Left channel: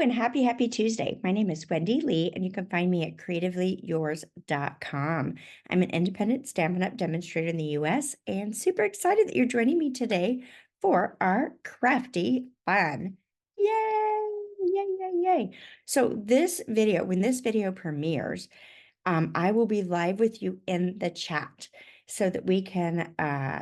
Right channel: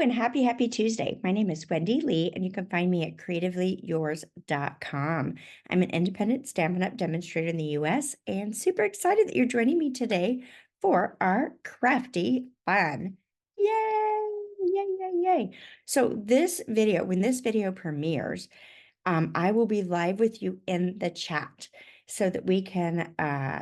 And happy Tuesday. My name is Wendy Lee, and you can find me at CreativeLeeYours.com. I'm an independent Stampin' Up! Demonstrator in the US and super excited that you're joining me today for our crafty fun. Yay! Yay, yay, yay. So this video, when this video premieres, I will be live with you in the chat so that we can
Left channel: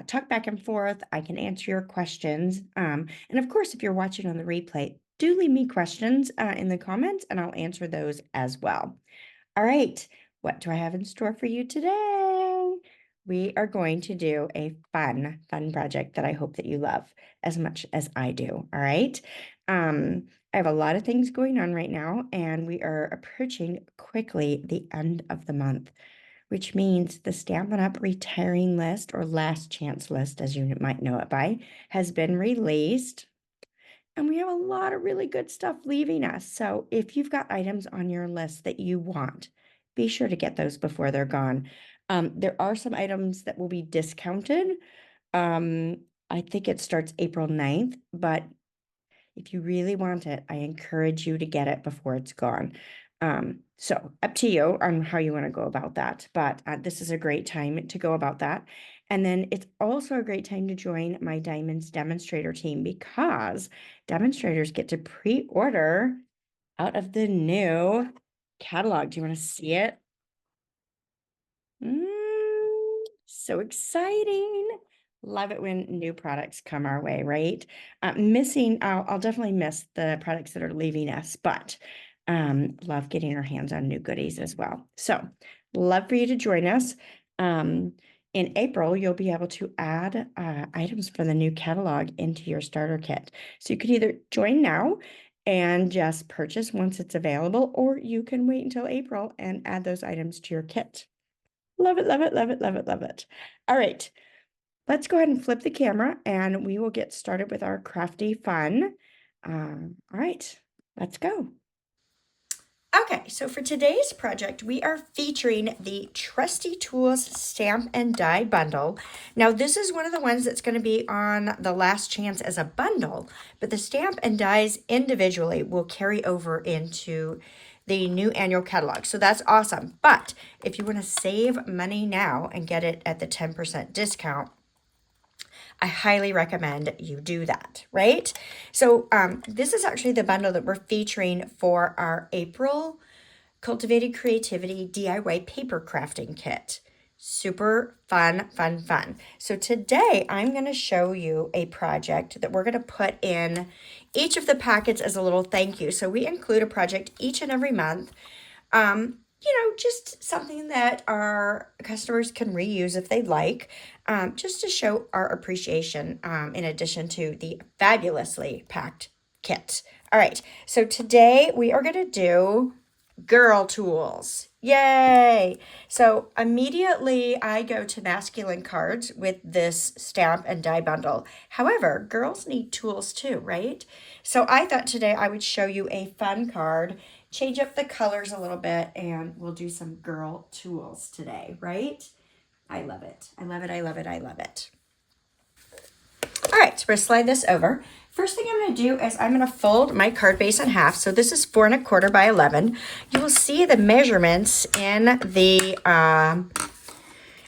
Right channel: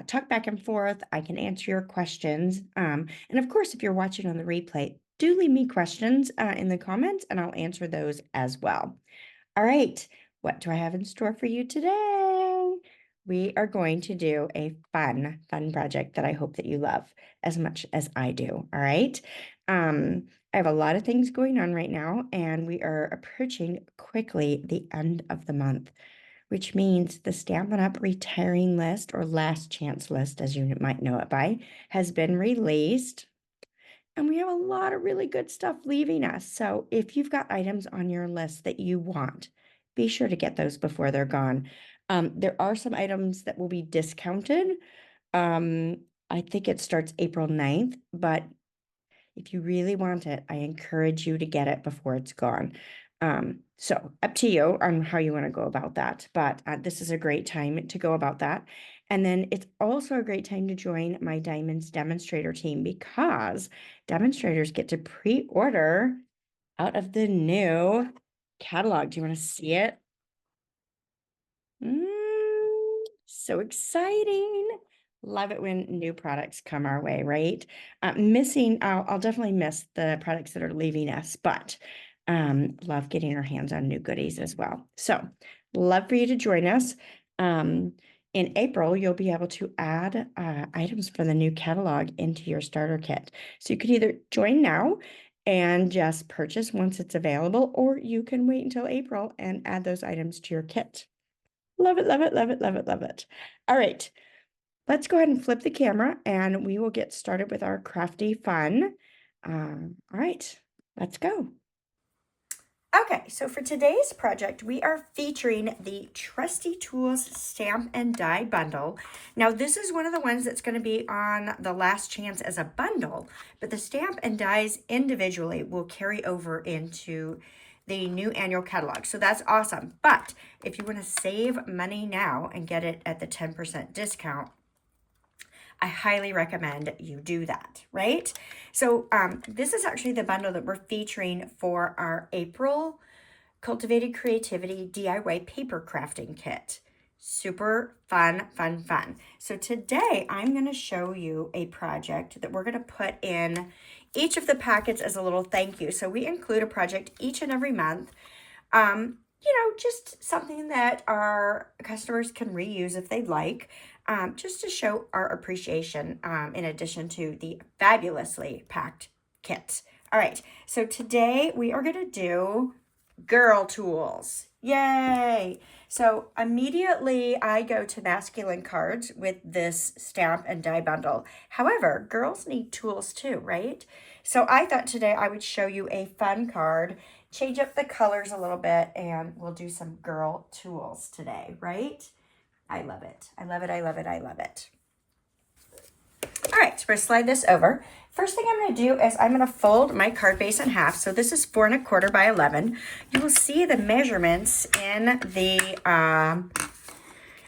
talk back and forth. I can answer your questions. And of course, if you're watching on the replay, do leave me questions in the comments and I'll answer those as well. All right, what do I have in store for you today? We are going to do a fun project that I hope that you love as much as I do. All right. I have a lot of things going on right now, and we are approaching quickly the end of the month, which means the Stampin' Up! Retiring list, or last chance list, as you might know it by, has been released. And we have a lot of really good stuff leaving us. So if you've got items on your list that you want, be sure to get those before they're gone. There are some items that will be discounted. I think it starts April 9th, but if you really want it, I encourage you to get it before it's gone. So up to you on how you want to go about that. But this is a great time to go about that. And then it's also a great time to join my Diamonds demonstrator team because demonstrators get to pre-order out of the new catalog. Do you want to see it? So exciting. Love it when new products come our way, right? I'll definitely miss the products that are leaving us, but love getting our hands on new goodies as well. So love for you to join us. In April, you'll be able to add items for the new catalog into your starter kit. So you could either join now and just purchase once it's available, or you can wait until April and add those items to your kit. Love it, love it, love it, love it, love it. All right, let's go ahead and flip the camera and we will get started with our crafty fun. All right, let's go. Okay, so for today's project, we are featuring the Trusty Tools Stamp and Die Bundle. Now, this is one of the ones that's going to be on the last chance as a bundle, but the stamp and dies individually will carry over into the new annual catalog. So that's awesome. But if you want to save money now and get it at the 10% discount, I highly recommend you do that, right? So this is actually the bundle that we're featuring for our April Cultivated Creativity DIY paper crafting kit. Super fun, fun, fun. So today I'm going to show you a project that we're going to put in each of the packets as a little thank you. So we include a project each and every month. Just something that our customers can reuse if they'd like, just to show our appreciation in addition to the fabulously packed kit. All right, so today we are going to do girl tools. Yay! So immediately I go to masculine cards with this stamp and die bundle. However, girls need tools too, right? So I thought today I would show you a fun card, change up the colors a little bit, and we'll do some girl tools today, right? I love it. I love it. I love it. I love it. All right, so we're gonna slide this over. First thing I'm going to do is I'm going to fold my card base in half. So this is 4 1/4 by 11. You will see the measurements in the on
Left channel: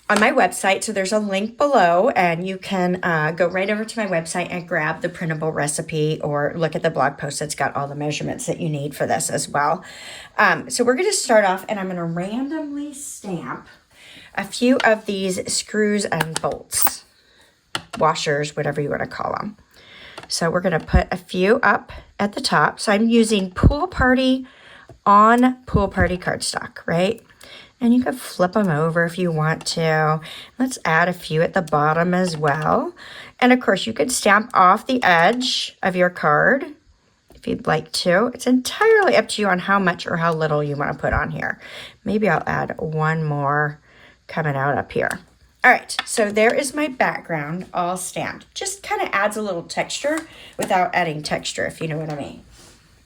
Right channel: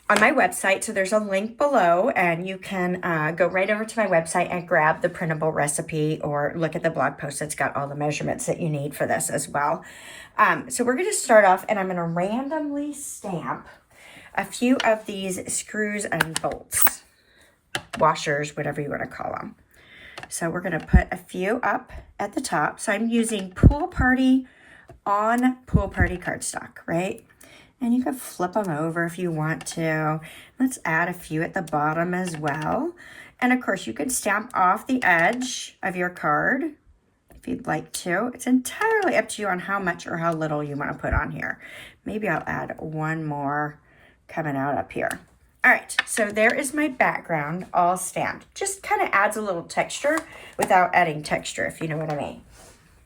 my website. So there's a link below, and you can go right over to my website and grab the printable recipe or look at the blog post that's got all the measurements that you need for this as well. So we're going to start off, and I'm going to randomly stamp a few of these screws and bolts, washers, whatever you want to call them. So we're going to put a few up at the top. So I'm using Pool Party on Pool Party cardstock, right? And you can flip them over if you want to. Let's add a few at the bottom as well. And of course, you can stamp off the edge of your card if you'd like to. It's entirely up to you on how much or how little you want to put on here. Maybe I'll add one more coming out up here. All right, so there is my background all stamped. Just kind of adds a little texture without adding texture, if you know what I mean.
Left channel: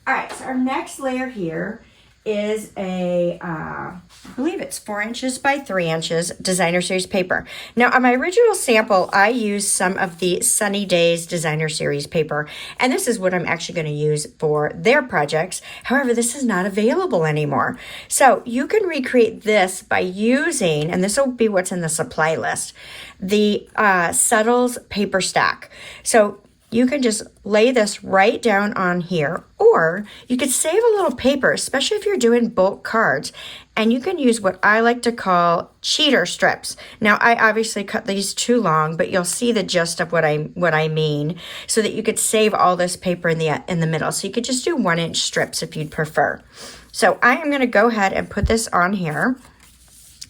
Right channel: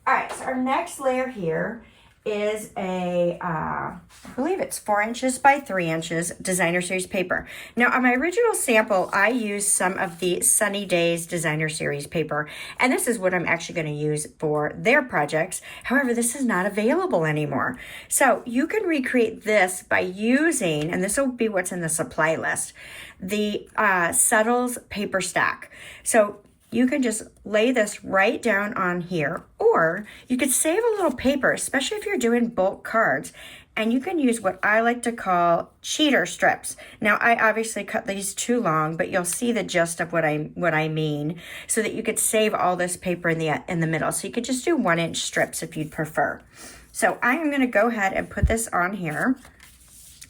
All right, so our next layer here is a, I believe it's 4 inches by 3 inches designer series paper. Now on my original sample, I used some of the Sunny Days designer series paper, and this is what I'm actually going to use for their projects. However, this is not available anymore. So you can recreate this by using, and this will be what's in the supply list, the Settles paper stack. So you can just lay this right down on here, or you could save a little paper, especially if you're doing bulk cards, and you can use what I like to call cheater strips. Now, I obviously cut these too long, but you'll see the gist of what I mean, so that you could save all this paper in the middle. So you could just do 1-inch strips if you'd prefer. So I am going to go ahead and put this on here.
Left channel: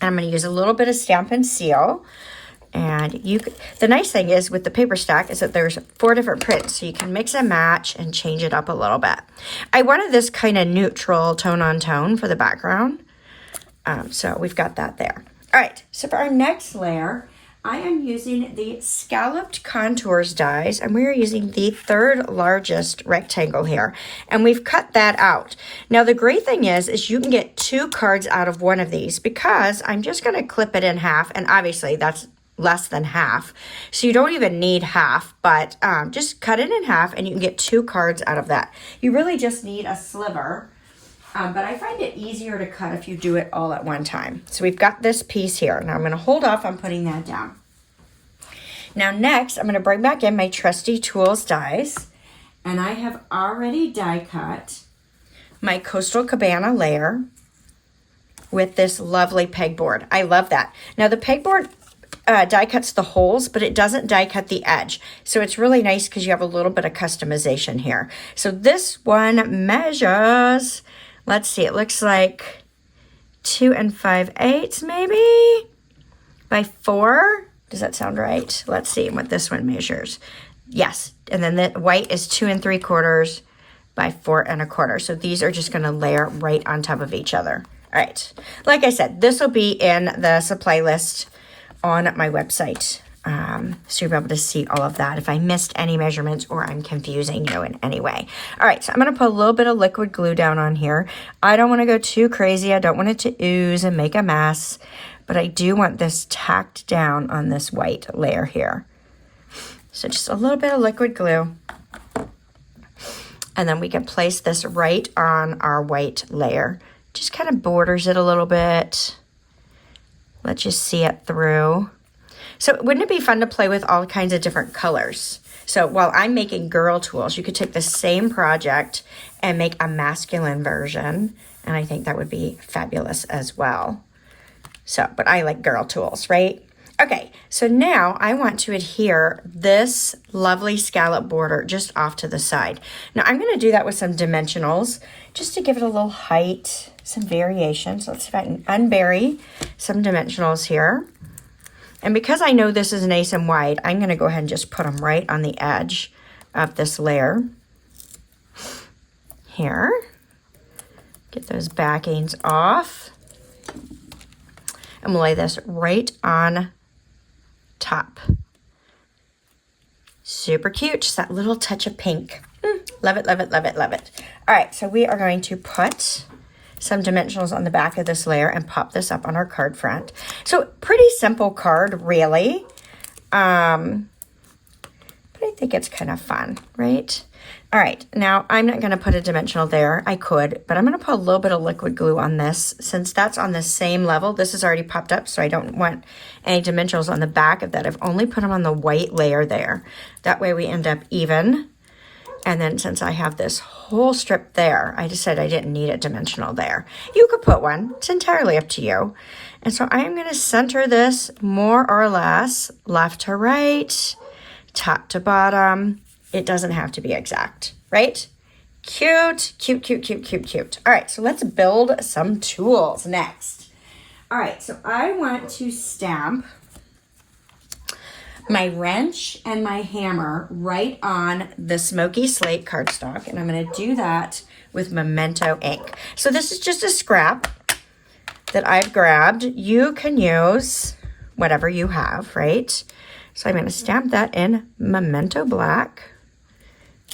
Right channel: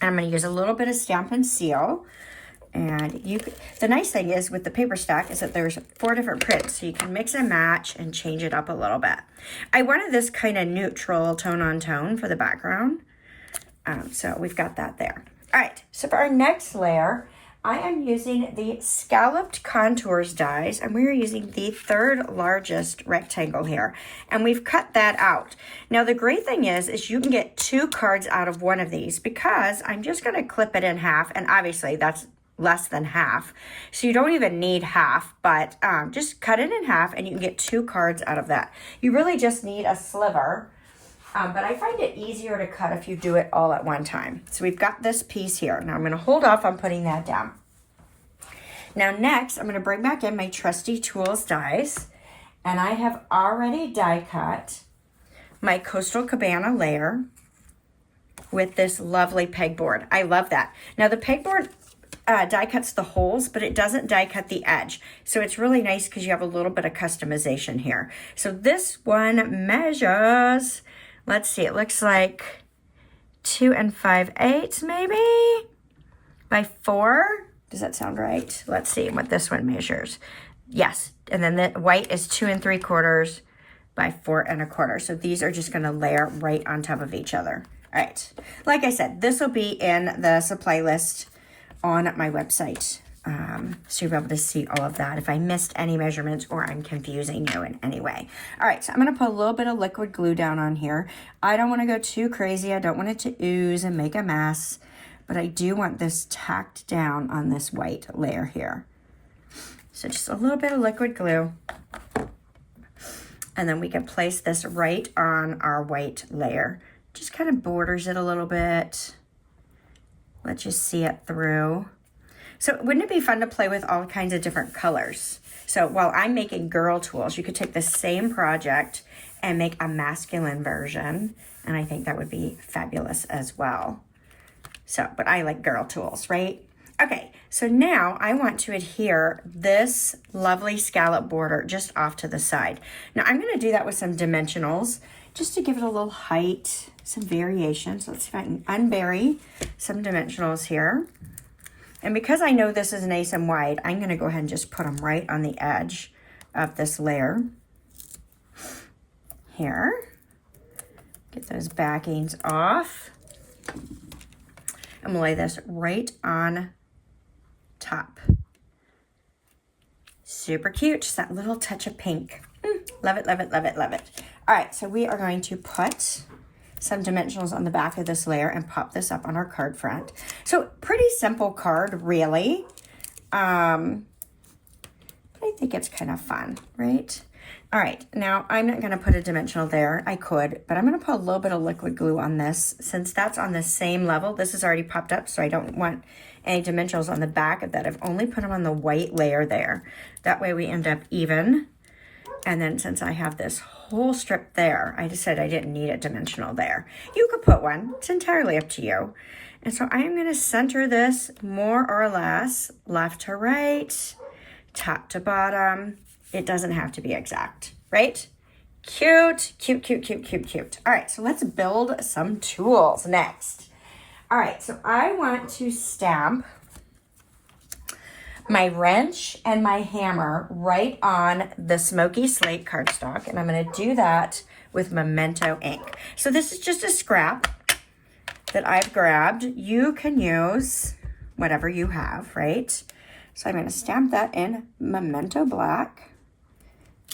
I'm going to use a little bit of Stampin' Seal. And the nice thing is with the paper stack is that there's 4 different prints, so you can mix and match and change it up a little bit. I wanted this kind of neutral tone on tone for the background, so we've got that there. All right, so for our next layer, I am using the Scalloped Contours dies, and we are using the 3rd largest rectangle here, and we've cut that out. Now the great thing is you can get 2 cards out of one of these, because I'm just going to clip it in half, and obviously that's less than half, so you don't even need half, but just cut it in half and you can get 2 cards out of that. You really just need a sliver, but I find it easier to cut if you do it all at one time. So we've got this piece here. Now I'm going to hold off on putting that down. Now next, I'm going to bring back in my Trusty Tools dies, and I have already die cut my Coastal Cabana layer with this lovely pegboard. I love that. Now the pegboard die cuts the holes, but it doesn't die cut the edge. So it's really nice because you have a little bit of customization here. So this one measures, let's see, it looks like 2 5/8 maybe by 4. Does that sound right? Let's see what this one measures. Yes, and then the white is 2 3/4 by 4 1/4. So these are just going to layer right on top of each other. All right, like I said, this will be in the supply list on my website, so you'll be able to see all of that if I missed any measurements or I'm confusing you in any way. All right, so I'm going to put a little bit of liquid glue down on here. I don't want to go too crazy. I don't want it to ooze and make a mess, but I do want this tacked down on this white layer here. So just a little bit of liquid glue, and then we can place this right on our white layer. Just kind of borders it a little bit. Let's just see it through. So wouldn't it be fun to play with all kinds of different colors? So while I'm making girl tools, you could take the same project and make a masculine version, and I think that would be fabulous as well. So, but I like girl tools, right? Okay, so now I want to adhere this lovely scallop border just off to the side. Now I'm going to do that with some dimensionals just to give it a little height, some variation. So let's see if I can unbury some dimensionals here. And because I know this is nice and wide, I'm going to go ahead and just put them right on the edge of this layer here. Get those backings off. And we'll lay this right on top. Super cute, just that little touch of pink. Love it, love it, love it, love it. All right, so we are going to put some dimensionals on the back of this layer and pop this up on our card front. So pretty simple card, really. But I think it's kind of fun, right? All right, now I'm not gonna put a dimensional there. I could, but I'm gonna put a little bit of liquid glue on this. Since that's on the same level, this is already popped up, so I don't want any dimensionals on the back of that. I've only put them on the white layer there. That way we end up even. And then since I have this whole strip there, I decided I didn't need a dimensional there. You could put one, it's entirely up to you. And so I am gonna center this more or less, left to right, top to bottom. It doesn't have to be exact, right? Cute, cute, cute, cute, cute, cute. All right, so let's build some tools next. All right, so I want to stamp my wrench and my hammer right on the smoky slate cardstock, and I'm going to do that with Memento ink. So this is just a scrap that I've grabbed. You can use whatever you have, right? So I'm going to stamp that in Memento black.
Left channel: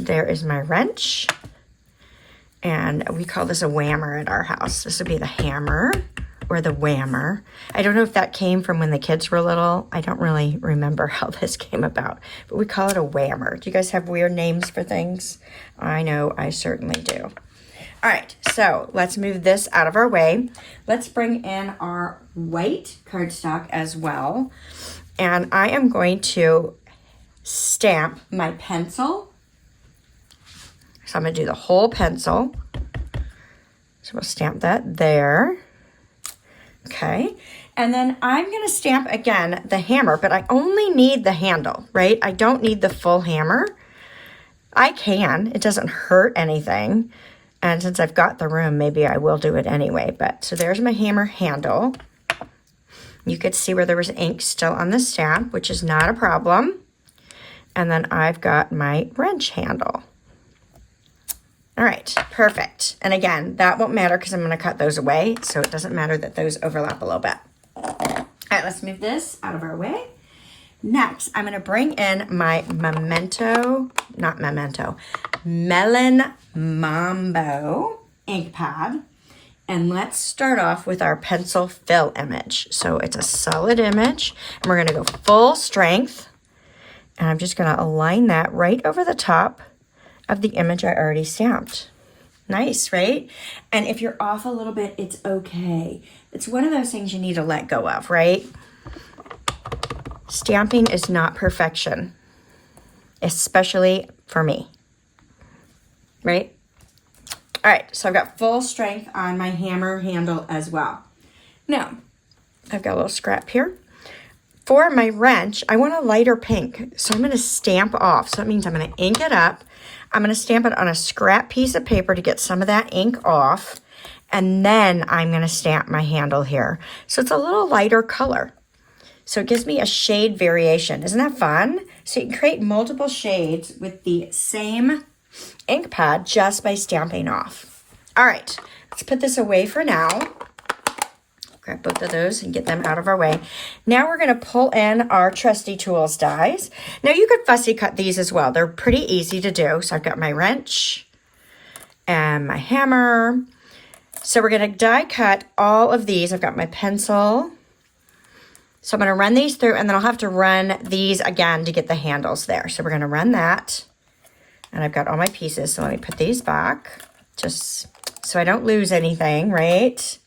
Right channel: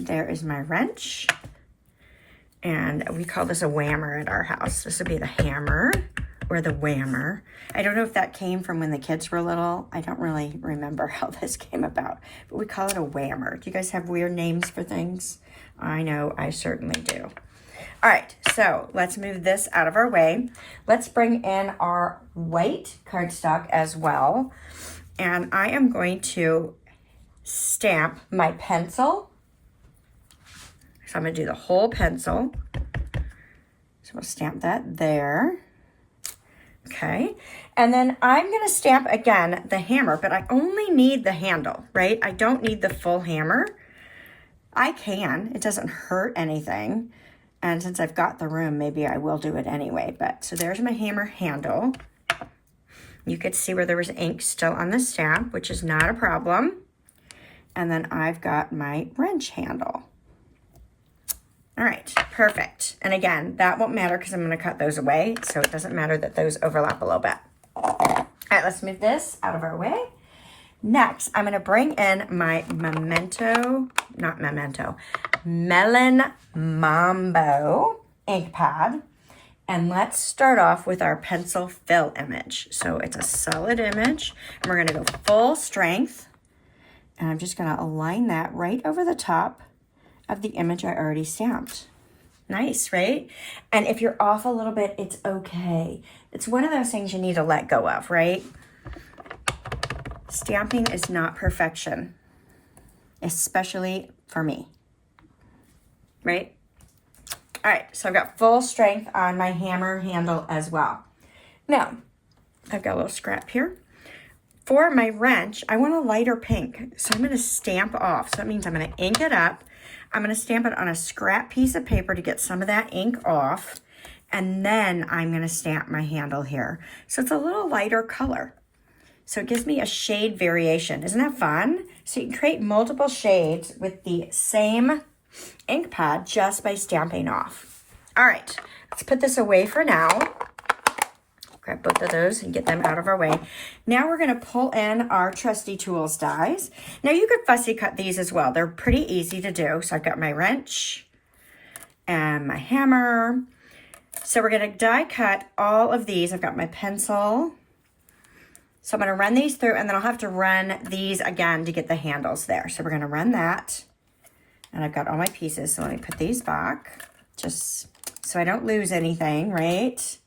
There is my wrench, And we call this a whammer at our house. This would be the hammer or the whammer. I don't know if that came from when the kids were little. I don't really remember how this came about, but we call it a whammer. Do you guys have weird names for things? I know I certainly do. All right, so let's move this out of our way. Let's bring in our white cardstock as well. And I am going to stamp my pencil. So I'm going to do the whole pencil. So we'll stamp that there. Okay. And then I'm going to stamp again the hammer, but I only need the handle, right? I don't need the full hammer. I can. It doesn't hurt anything. And since I've got the room, maybe I will do it anyway. But so there's my hammer handle. You could see where there was ink still on the stamp, which is not a problem. And then I've got my wrench handle. All right, perfect. And again, that won't matter because I'm going to cut those away, so it doesn't matter that those overlap a little bit. All right, let's move this out of our way. Next, I'm going to bring in my Melon Mambo ink pad. And let's start off with our pencil fill image. So it's a solid image, and we're going to go full strength. And I'm just going to align that right over the top of the image I already stamped. Nice, right? And if you're off a little bit, it's okay. It's one of those things you need to let go of, right? Stamping is not perfection, especially for me, right? All right, so I've got full strength on my hammer handle as well. Now, I've got a little scrap here. For my wrench, I want a lighter pink, so I'm going to stamp off. So that means I'm going to ink it up. I'm going to stamp it on a scrap piece of paper to get some of that ink off, and then I'm going to stamp my handle here. So it's a little lighter color. So it gives me a shade variation. Isn't that fun? So you can create multiple shades with the same ink pad just by stamping off. All right, let's put this away for now. Grab both of those and get them out of our way. Now we're going to pull in our Trusty Tools dies. Now you could fussy cut these as well. They're pretty easy to do. So I've got my wrench and my hammer. So we're going to die cut all of these. I've got my pencil. So I'm going to run these through, and then I'll have to run these again to get the handles there. So we're going to run that. And I've got all my pieces. So let me put these back just so I don't lose anything, right?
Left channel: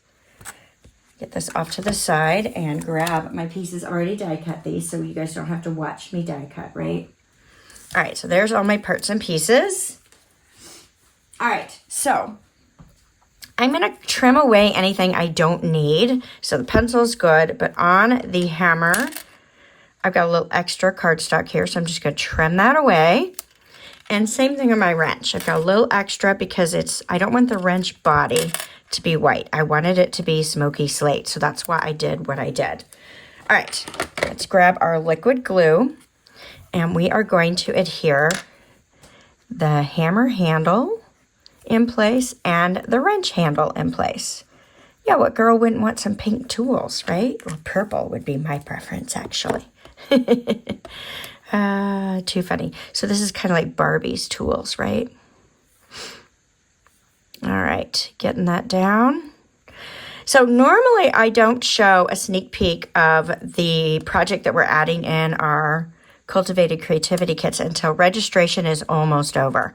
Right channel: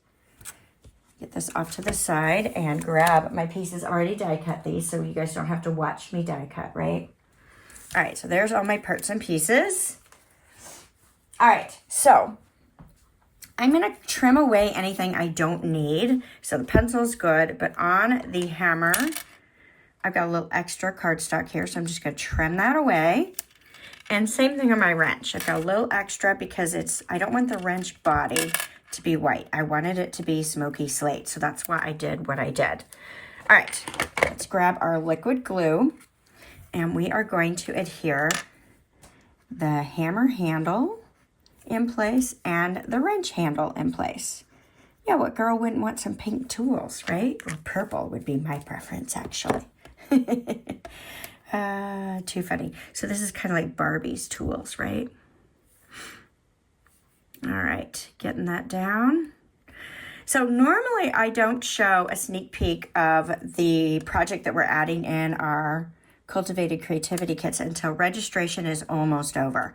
Get this off to the side and grab my pieces. Already die cut these, so you guys don't have to watch me die cut, right? All right, so there's all my parts and pieces. All right, so I'm gonna trim away anything I don't need. So the pencil's good, but on the hammer, I've got a little extra cardstock here, so I'm just gonna trim that away. And same thing on my wrench. I've got a little extra because I don't want the wrench body to be white. I wanted it to be smoky slate, so that's why I did what I did. All right, let's grab our liquid glue, and we are going to adhere the hammer handle in place and the wrench handle in place. Yeah, what girl wouldn't want some pink tools, right? Or purple would be my preference, actually. Too funny. So this is kind of like Barbie's tools, right? All right, getting that down. So normally I don't show a sneak peek of the project that we're adding in our Cultivated Creativity kits until registration is almost over.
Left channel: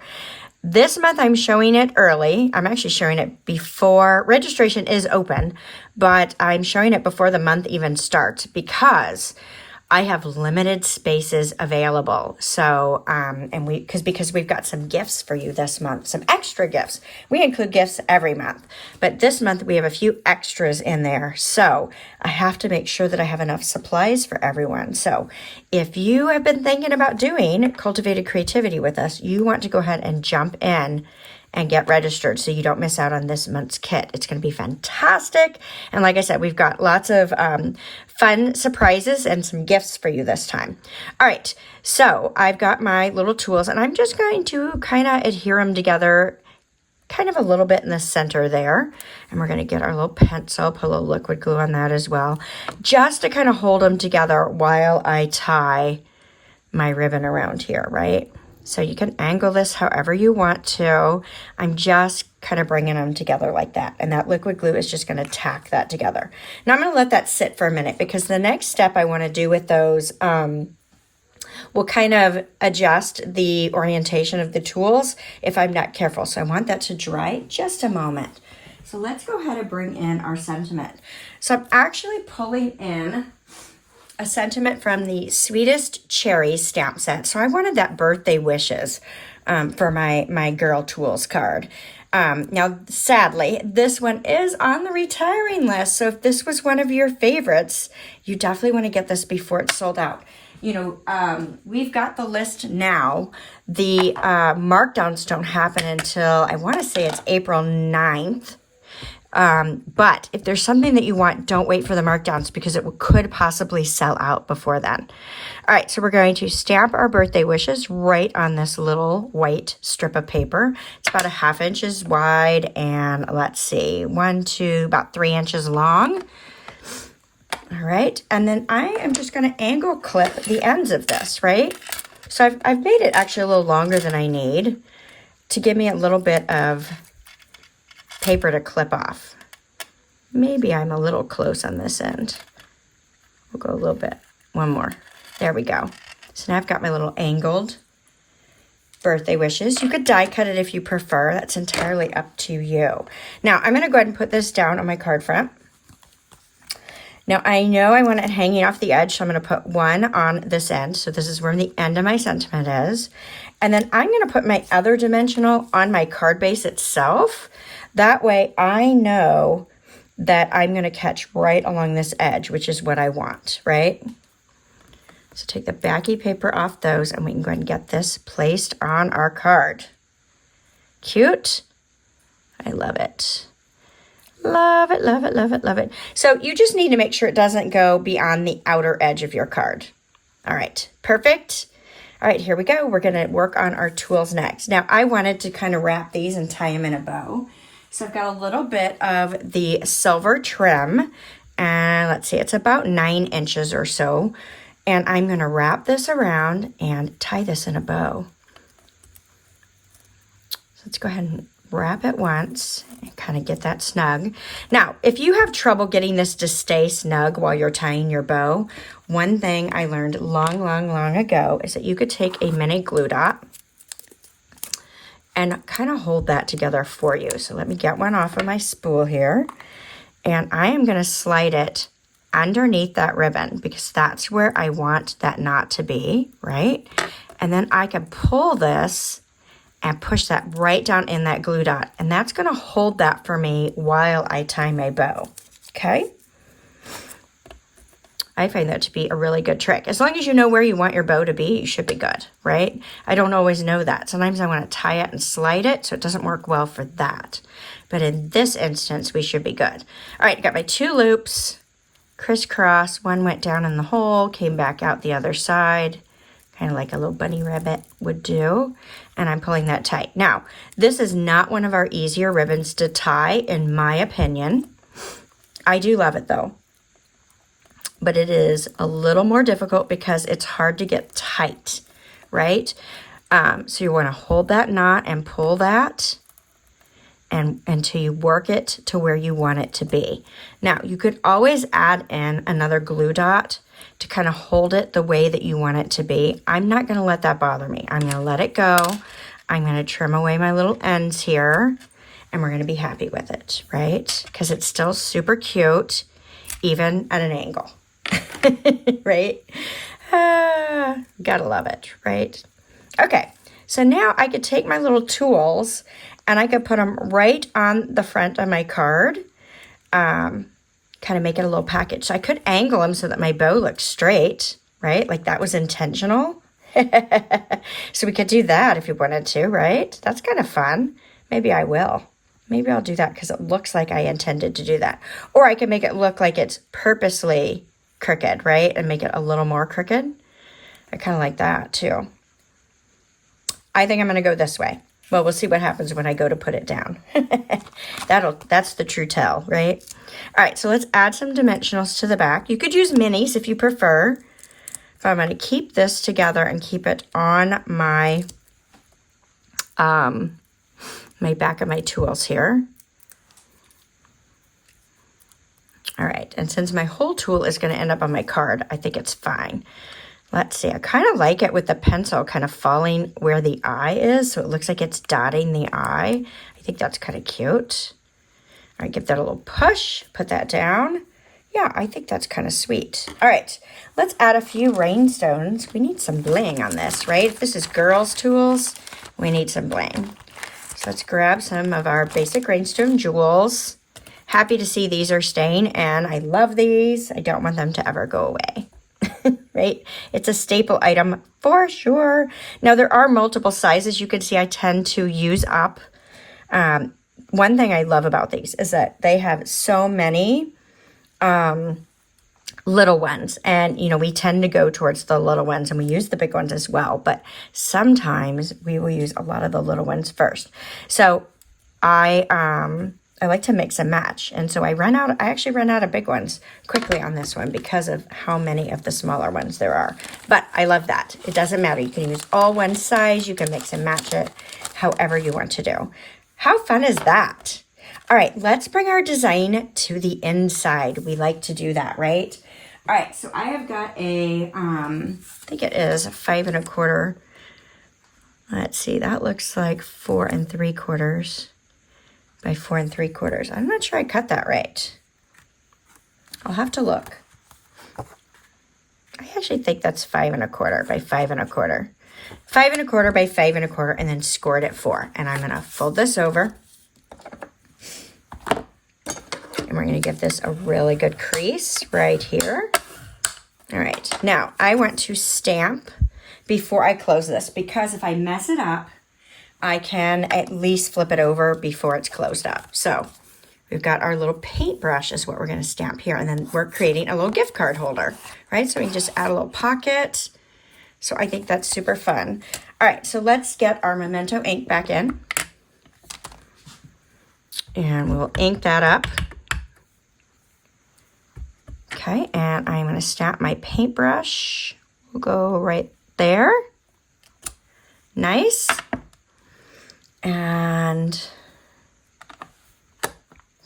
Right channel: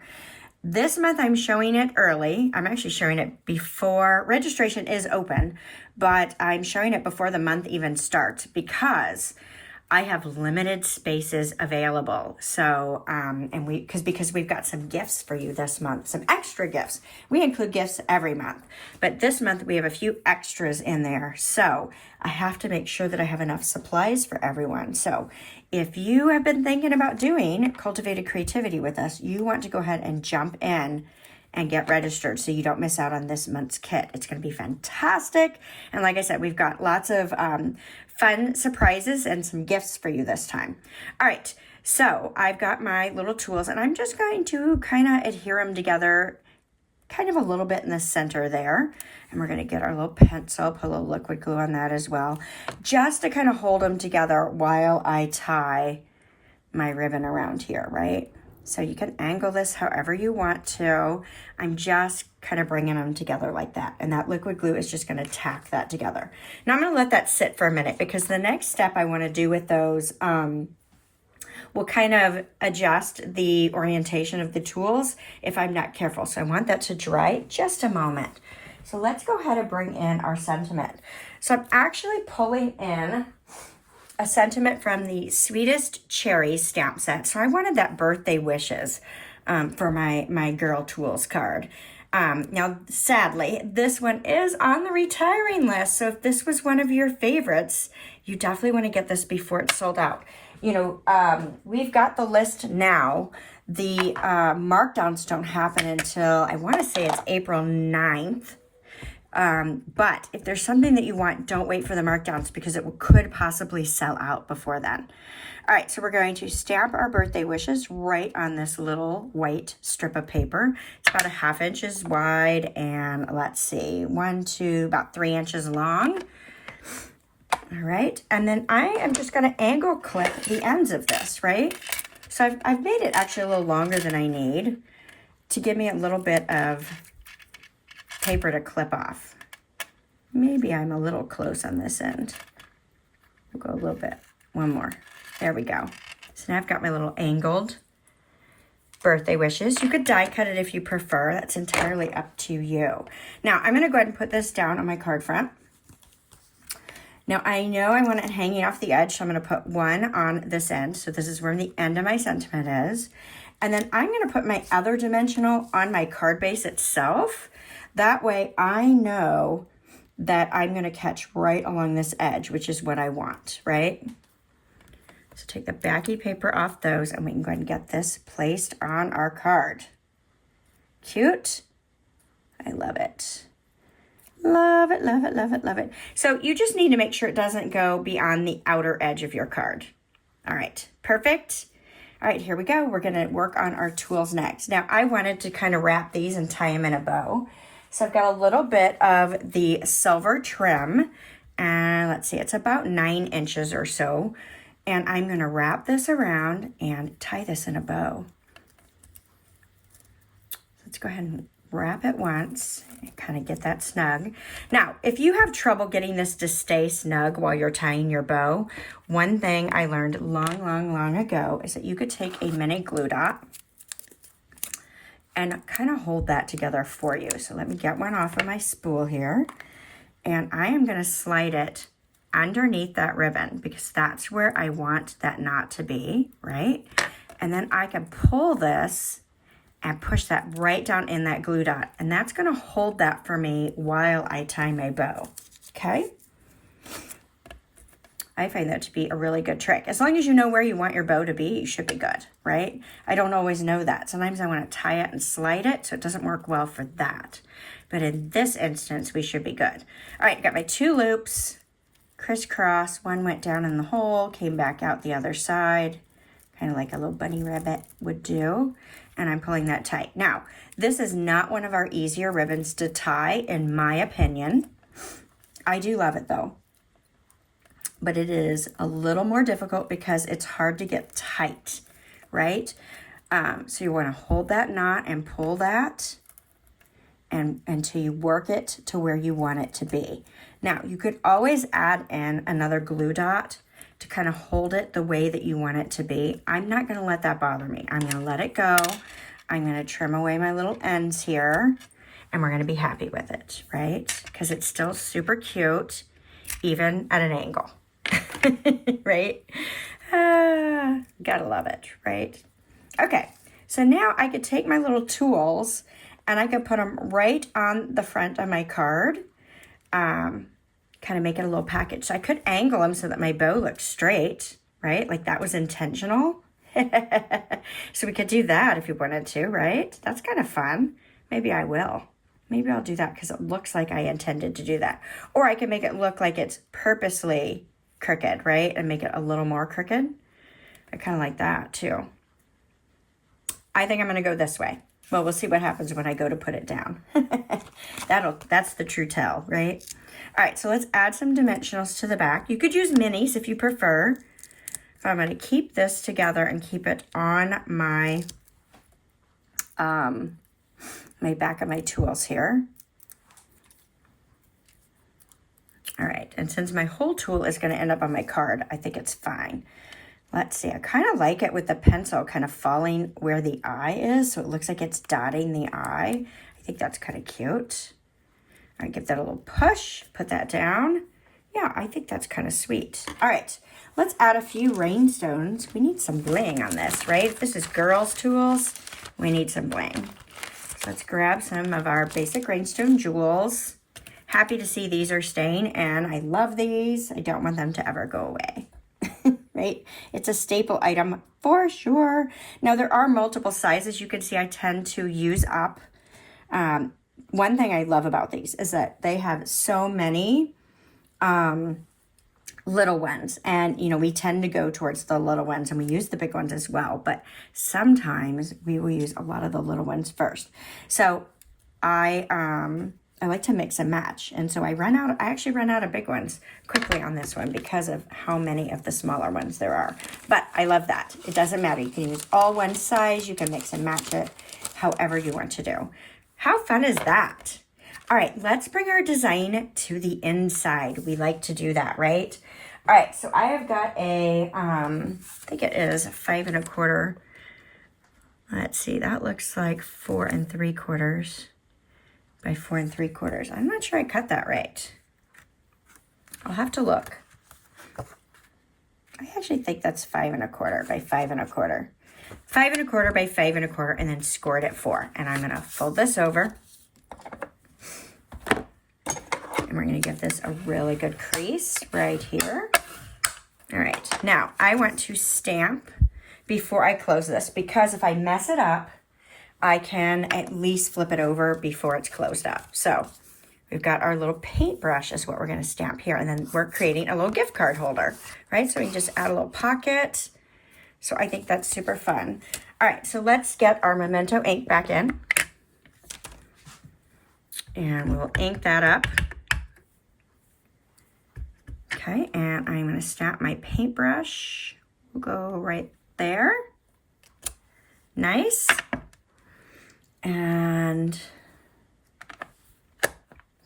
This month I'm showing it early. I'm actually showing it before registration is open, but I'm showing it before the month even starts because I have limited spaces available. So, because we've got some gifts for you this month, some extra gifts. We include gifts every month, but this month we have a few extras in there. So I have to make sure that I have enough supplies for everyone. So if you have been thinking about doing Cultivated Creativity with us, you want to go ahead and jump in and get registered so you don't miss out on this month's kit. It's going to be fantastic. And like I said, we've got lots of fun surprises and some gifts for you this time. All right, so I've got my little tools, and I'm just going to kind of adhere them together kind of a little bit in the center there. And we're going to get our little pencil, put a little liquid glue on that as well, just to kind of hold them together while I tie my ribbon around here, right? So you can angle this however you want to. I'm just kind of bringing them together like that. And that liquid glue is just going to tack that together. Now I'm going to let that sit for a minute because the next step I want to do with those will kind of adjust the orientation of the tools if I'm not careful. So I want that to dry just a moment. So let's go ahead and bring in our sentiment. So I'm actually pulling in a sentiment from the Sweetest Cherries stamp set. So I wanted that birthday wishes for my Girl Tools card. Now, sadly, this one is on the retiring list. So if this was one of your favorites, you definitely want to get this before it's sold out. You know, we've got the list now. The markdowns don't happen until, I want to say it's April 9th. But if there's something that you want, don't wait for the markdowns because it could possibly sell out before then. All right, so we're going to stamp our birthday wishes right on this little white strip of paper. It's about 1/2 inches wide and let's see, 1 to about 3 inches long. All right, and then I am just going to angle clip the ends of this, right? So I've made it actually a little longer than I need to give me a little bit of paper to clip off. Maybe I'm a little close on this end. We'll go a little bit, one more. There we go. So now I've got my little angled birthday wishes. You could die cut it if you prefer. That's entirely up to you. Now I'm going to go ahead and put this down on my card front. Now I know I want it hanging off the edge, so I'm going to put one on this end. So this is where the end of my sentiment is. And then I'm going to put my other dimensional on my card base itself. That way I know that I'm going to catch right along this edge, which is what I want, right? So take the backy paper off those and we can go ahead and get this placed on our card. Cute. I love it. Love it, love it, love it, love it. So you just need to make sure it doesn't go beyond the outer edge of your card. All right, perfect. All right, here we go. We're going to work on our tools next. Now, I wanted to kind of wrap these and tie them in a bow. So I've got a little bit of the silver trim. And let's see, it's about 9 inches or so. And I'm going to wrap this around and tie this in a bow. So let's go ahead and wrap it once and kind of get that snug. Now, if you have trouble getting this to stay snug while you're tying your bow, one thing I learned long ago is that you could take a mini glue dot and kind of hold that together for you. So let me get one off of my spool here. And I am going to slide it underneath that ribbon because that's where I want that knot to be, right? And then I can pull this and push that right down in that glue dot. And that's going to hold that for me while I tie my bow, okay? I find that to be a really good trick. As long as you know where you want your bow to be, you should be good, right? I don't always know that. Sometimes I want to tie it and slide it, so it doesn't work well for that. But in this instance, we should be good. All right, got my 2 loops, crisscross. One went down in the hole, came back out the other side, kind of like a little bunny rabbit would do. And I'm pulling that tight. Now, this is not one of our easier ribbons to tie, in my opinion. I do love it though. But it is a little more difficult because it's hard to get tight, right? So you want to hold that knot and pull that and until you work it to where you want it to be. Now, you could always add in another glue dot to kind of hold it the way that you want it to be. I'm not going to let that bother me. I'm going to let it go. I'm going to trim away my little ends here, and we're going to be happy with it, right? Because it's still super cute, even at an angle, right? Gotta love it, right? Okay, so now I could take my little tools, and I could put them right on the front of my card, kind of make it a little package. So I could angle them so that my bow looks straight, right? Like that was intentional. So we could do that if you wanted to, right? That's kind of fun. Maybe I will. Maybe I'll do that because it looks like I intended to do that. Or I can make it look like it's purposely crooked, right? And make it a little more crooked. I kind of like that too. I think I'm going to go this way. Well, we'll see what happens when I go to put it down. That's the true tell, right? All right, so let's add some dimensionals to the back. You could use minis if you prefer. So I'm going to keep this together and keep it on my my back of my tools here. All right, and since my whole tool is going to end up on my card, I think it's fine. Let's see, I kind of like it with the pencil kind of falling where the eye is, so it looks like it's dotting the eye. I think that's kind of cute. All right, give that a little push, put that down. Yeah, I think that's kind of sweet. All right, let's add a few rhinestones. We need some bling on this, right? If this is girls' tools, we need some bling. So let's grab some of our basic rhinestone jewels. Happy to see these are staying, and I love these. I don't want them to ever go away, right? It's a staple item for sure. Now, there are multiple sizes. You can see I tend to use up. One thing I love about these is that they have so many little ones, and we tend to go towards the little ones, and we use the big ones as well, but sometimes we will use a lot of the little ones first. So I like to mix and match, and so I actually run out of big ones quickly on this one because of how many of the smaller ones there are. But I love that. It doesn't matter. You can use all one size. You can mix and match it however you want to do. How fun is that? All right, let's bring our design to the inside. We like to do that, right? All right, so I have got a, I think it is 5 1/4. Let's see, that looks like 4 3/4 by 4 3/4. I'm not sure I cut that right. I'll have to look. I actually think that's 5 1/4 by 5 1/4. 5 1/4 by 5 1/4, and then scored at 4. And I'm gonna fold this over. And we're going to give this a really good crease right here. All right, now I want to stamp before I close this, because if I mess it up, I can at least flip it over before it's closed up. So we've got our little paintbrush is what we're going to stamp here, and then we're creating a little gift card holder, right? So we can just add a little pocket. So I think that's super fun. All right, so let's get our Memento ink back in. And we'll ink that up. Okay, and I'm going to stamp my paintbrush. We'll go right there. Nice. And,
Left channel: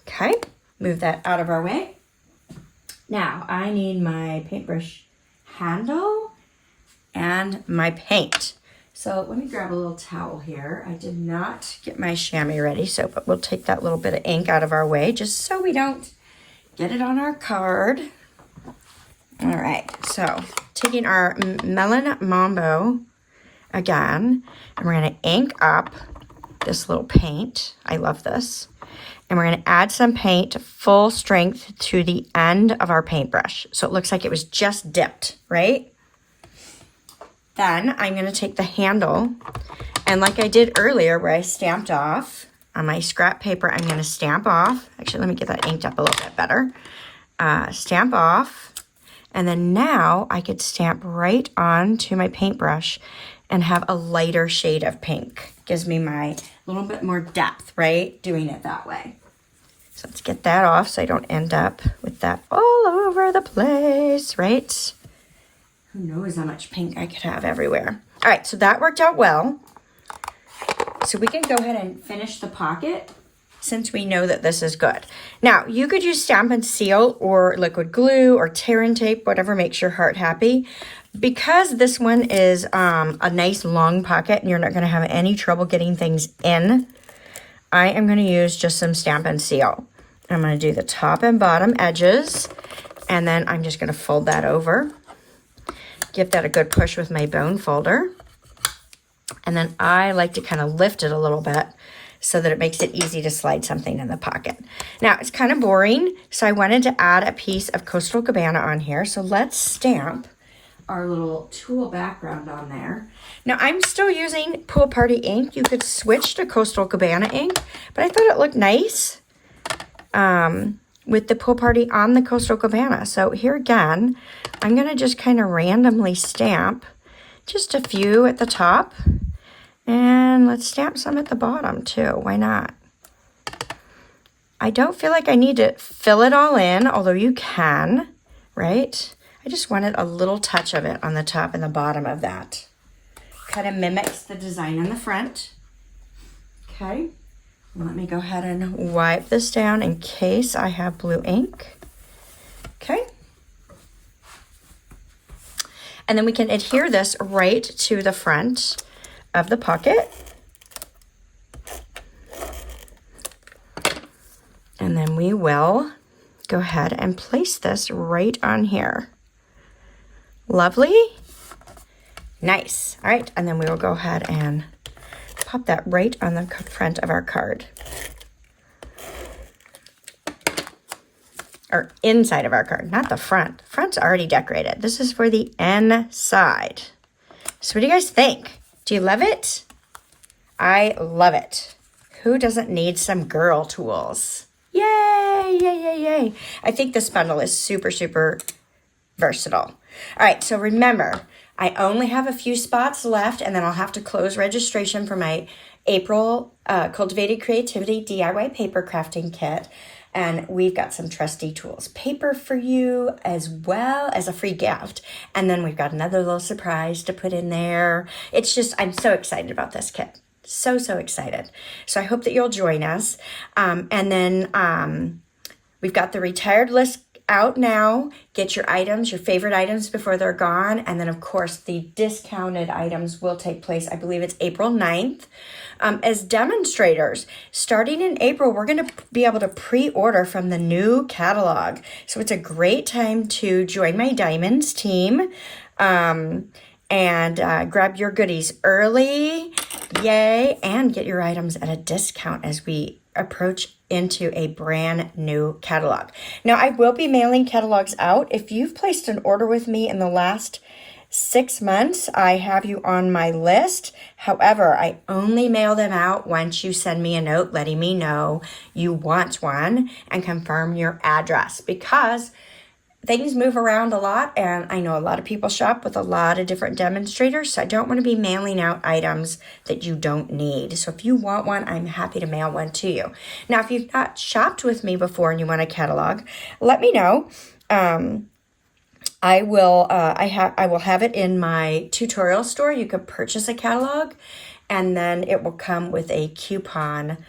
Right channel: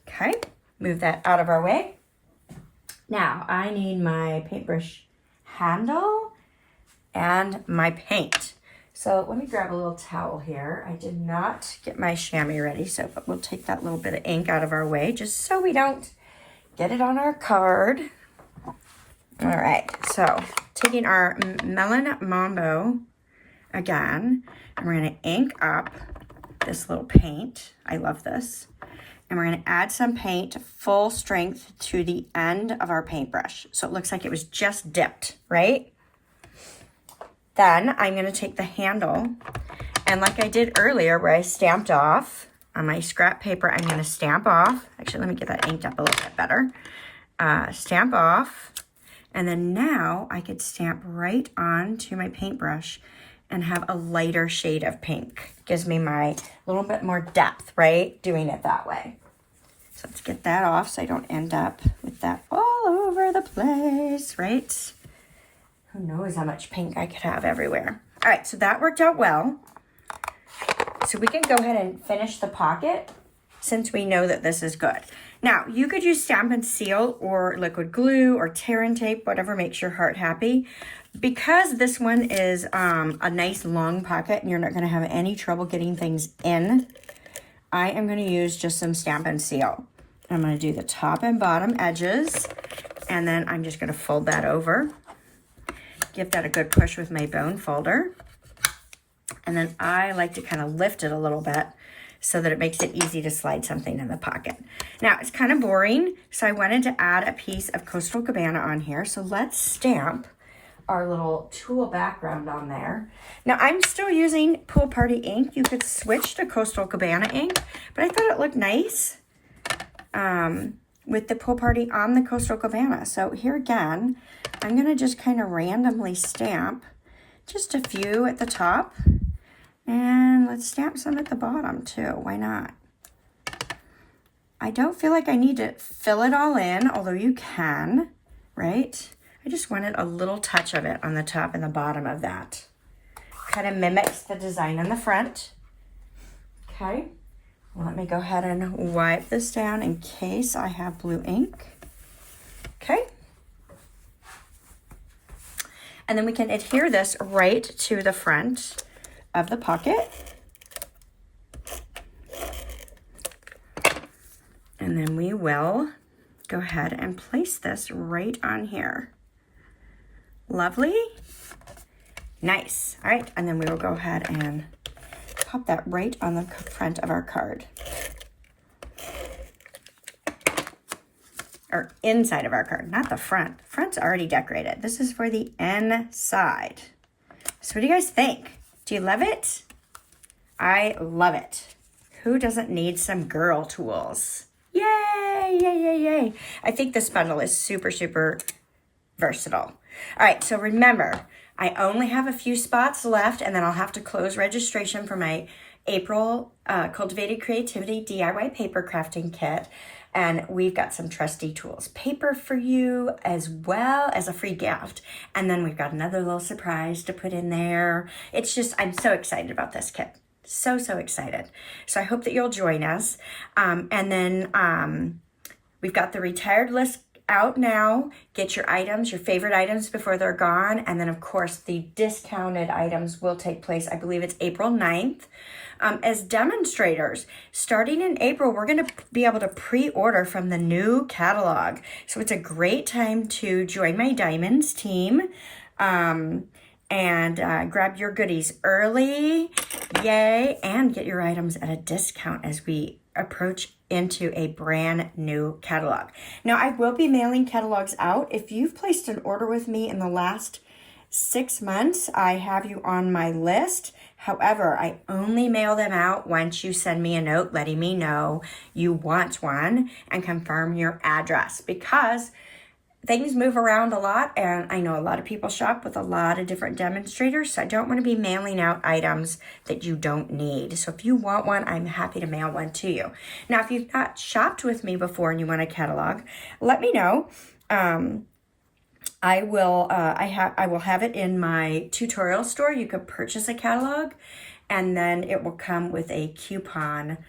okay, move that out of our way. Now, I need my paintbrush handle and my paint. So let me grab a little towel here. I did not get my chamois ready, but we'll take that little bit of ink out of our way just so we don't get it on our card. All right, so taking our Melon Mambo again, and we're gonna ink up this little paint. I love this. And we're gonna add some paint full strength to the end of our paintbrush. So it looks like it was just dipped, right? Then I'm gonna take the handle, and like I did earlier where I stamped off on my scrap paper, I'm gonna stamp off. Actually, let me get that inked up a little bit better. Stamp off, and then now I could stamp right onto my paintbrush and have a lighter shade of pink. Gives me my little bit more depth, right? Doing it that way. So let's get that off so I don't end up with that all over the place, right? Who knows how much pink I could have everywhere. All right, so that worked out well. So we can go ahead and finish the pocket since we know that this is good. Now, you could use Stampin' Seal or liquid glue or tear and tape, whatever makes your heart happy. Because this one is a nice long pocket and you're not gonna have any trouble getting things in, I am gonna use just some Stampin' Seal. I'm gonna do the top and bottom edges, and then I'm just gonna fold that over. Give that a good push with my bone folder. And then I like to kind of lift it a little bit so that it makes it easy to slide something in the pocket. Now, it's kind of boring, so I wanted to add a piece of Coastal Cabana on here. So let's stamp our little tulle background on there. Now, I'm still using Pool Party ink. You could switch to Coastal Cabana ink, but I thought it looked nice with the Pool Party on the Coastal Cabana. So here again, I'm gonna just kind of randomly stamp just a few at the top. And let's stamp some at the bottom too. Why not? I don't feel like I need to fill it all in, although you can, right? I just wanted a little touch of it on the top and the bottom of that. Kind of mimics the design in the front. Okay, let me go ahead and wipe this down in case I have blue ink. Okay. And then we can adhere this right to the front of the pocket. And then we will go ahead and place this right on here. Lovely. Nice. All right, and then we will go ahead and pop that right on the front of our card. Or inside of our card, not the front. The front's already decorated. This is for the inside. So what do you guys think? Do you love it? I love it. Who doesn't need some girl tools? Yay, yay, yay, yay. I think this bundle is super, super versatile. All right, so remember, I only have a few spots left, and then I'll have to close registration for my April Cultivated Creativity DIY paper crafting kit. And we've got some Trusty Tools paper for you, as well as a free gift. And then we've got another little surprise to put in there. It's just, I'm so excited about this kit. So, so excited. So I hope that you'll join us. And then we've got the retired list out now. Get your items, your favorite items before they're gone. And then, of course, the discounted items will take place, I believe it's April 9th. As demonstrators, starting in April, we're going to be able to pre-order from the new catalog. So it's a great time to join my Diamonds team and grab your goodies early. Yay! And get your items at a discount as we approach into a brand new catalog. Now, I will be mailing catalogs out. If you've placed an order with me in the last 6 months, I have you on my list. However, I only mail them out once you send me a note letting me know you want one and confirm your address, because things move around a lot, and I know a lot of people shop with a lot of different demonstrators, so I don't want to be mailing out items that you don't need. So if you want one, I'm happy to mail one to you. Now, if you've not shopped with me before and you want a catalog, let me know. I will have it in my tutorial store. You could purchase a catalog, and then it will come with a coupon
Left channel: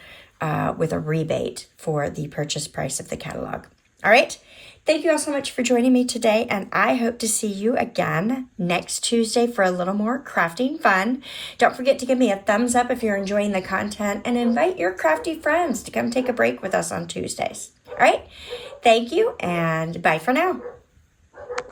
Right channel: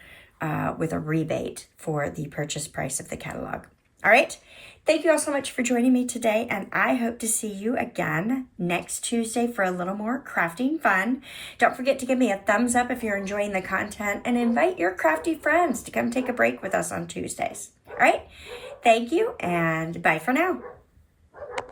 with a rebate for the purchase price of the catalog. All right. Thank you all so much for joining me today, and I hope to see you again next Tuesday for a little more crafting fun. Don't forget to give me a thumbs up if you're enjoying the content, and invite your crafty friends to come take a break with us on Tuesdays. All right. Thank you, and bye for now.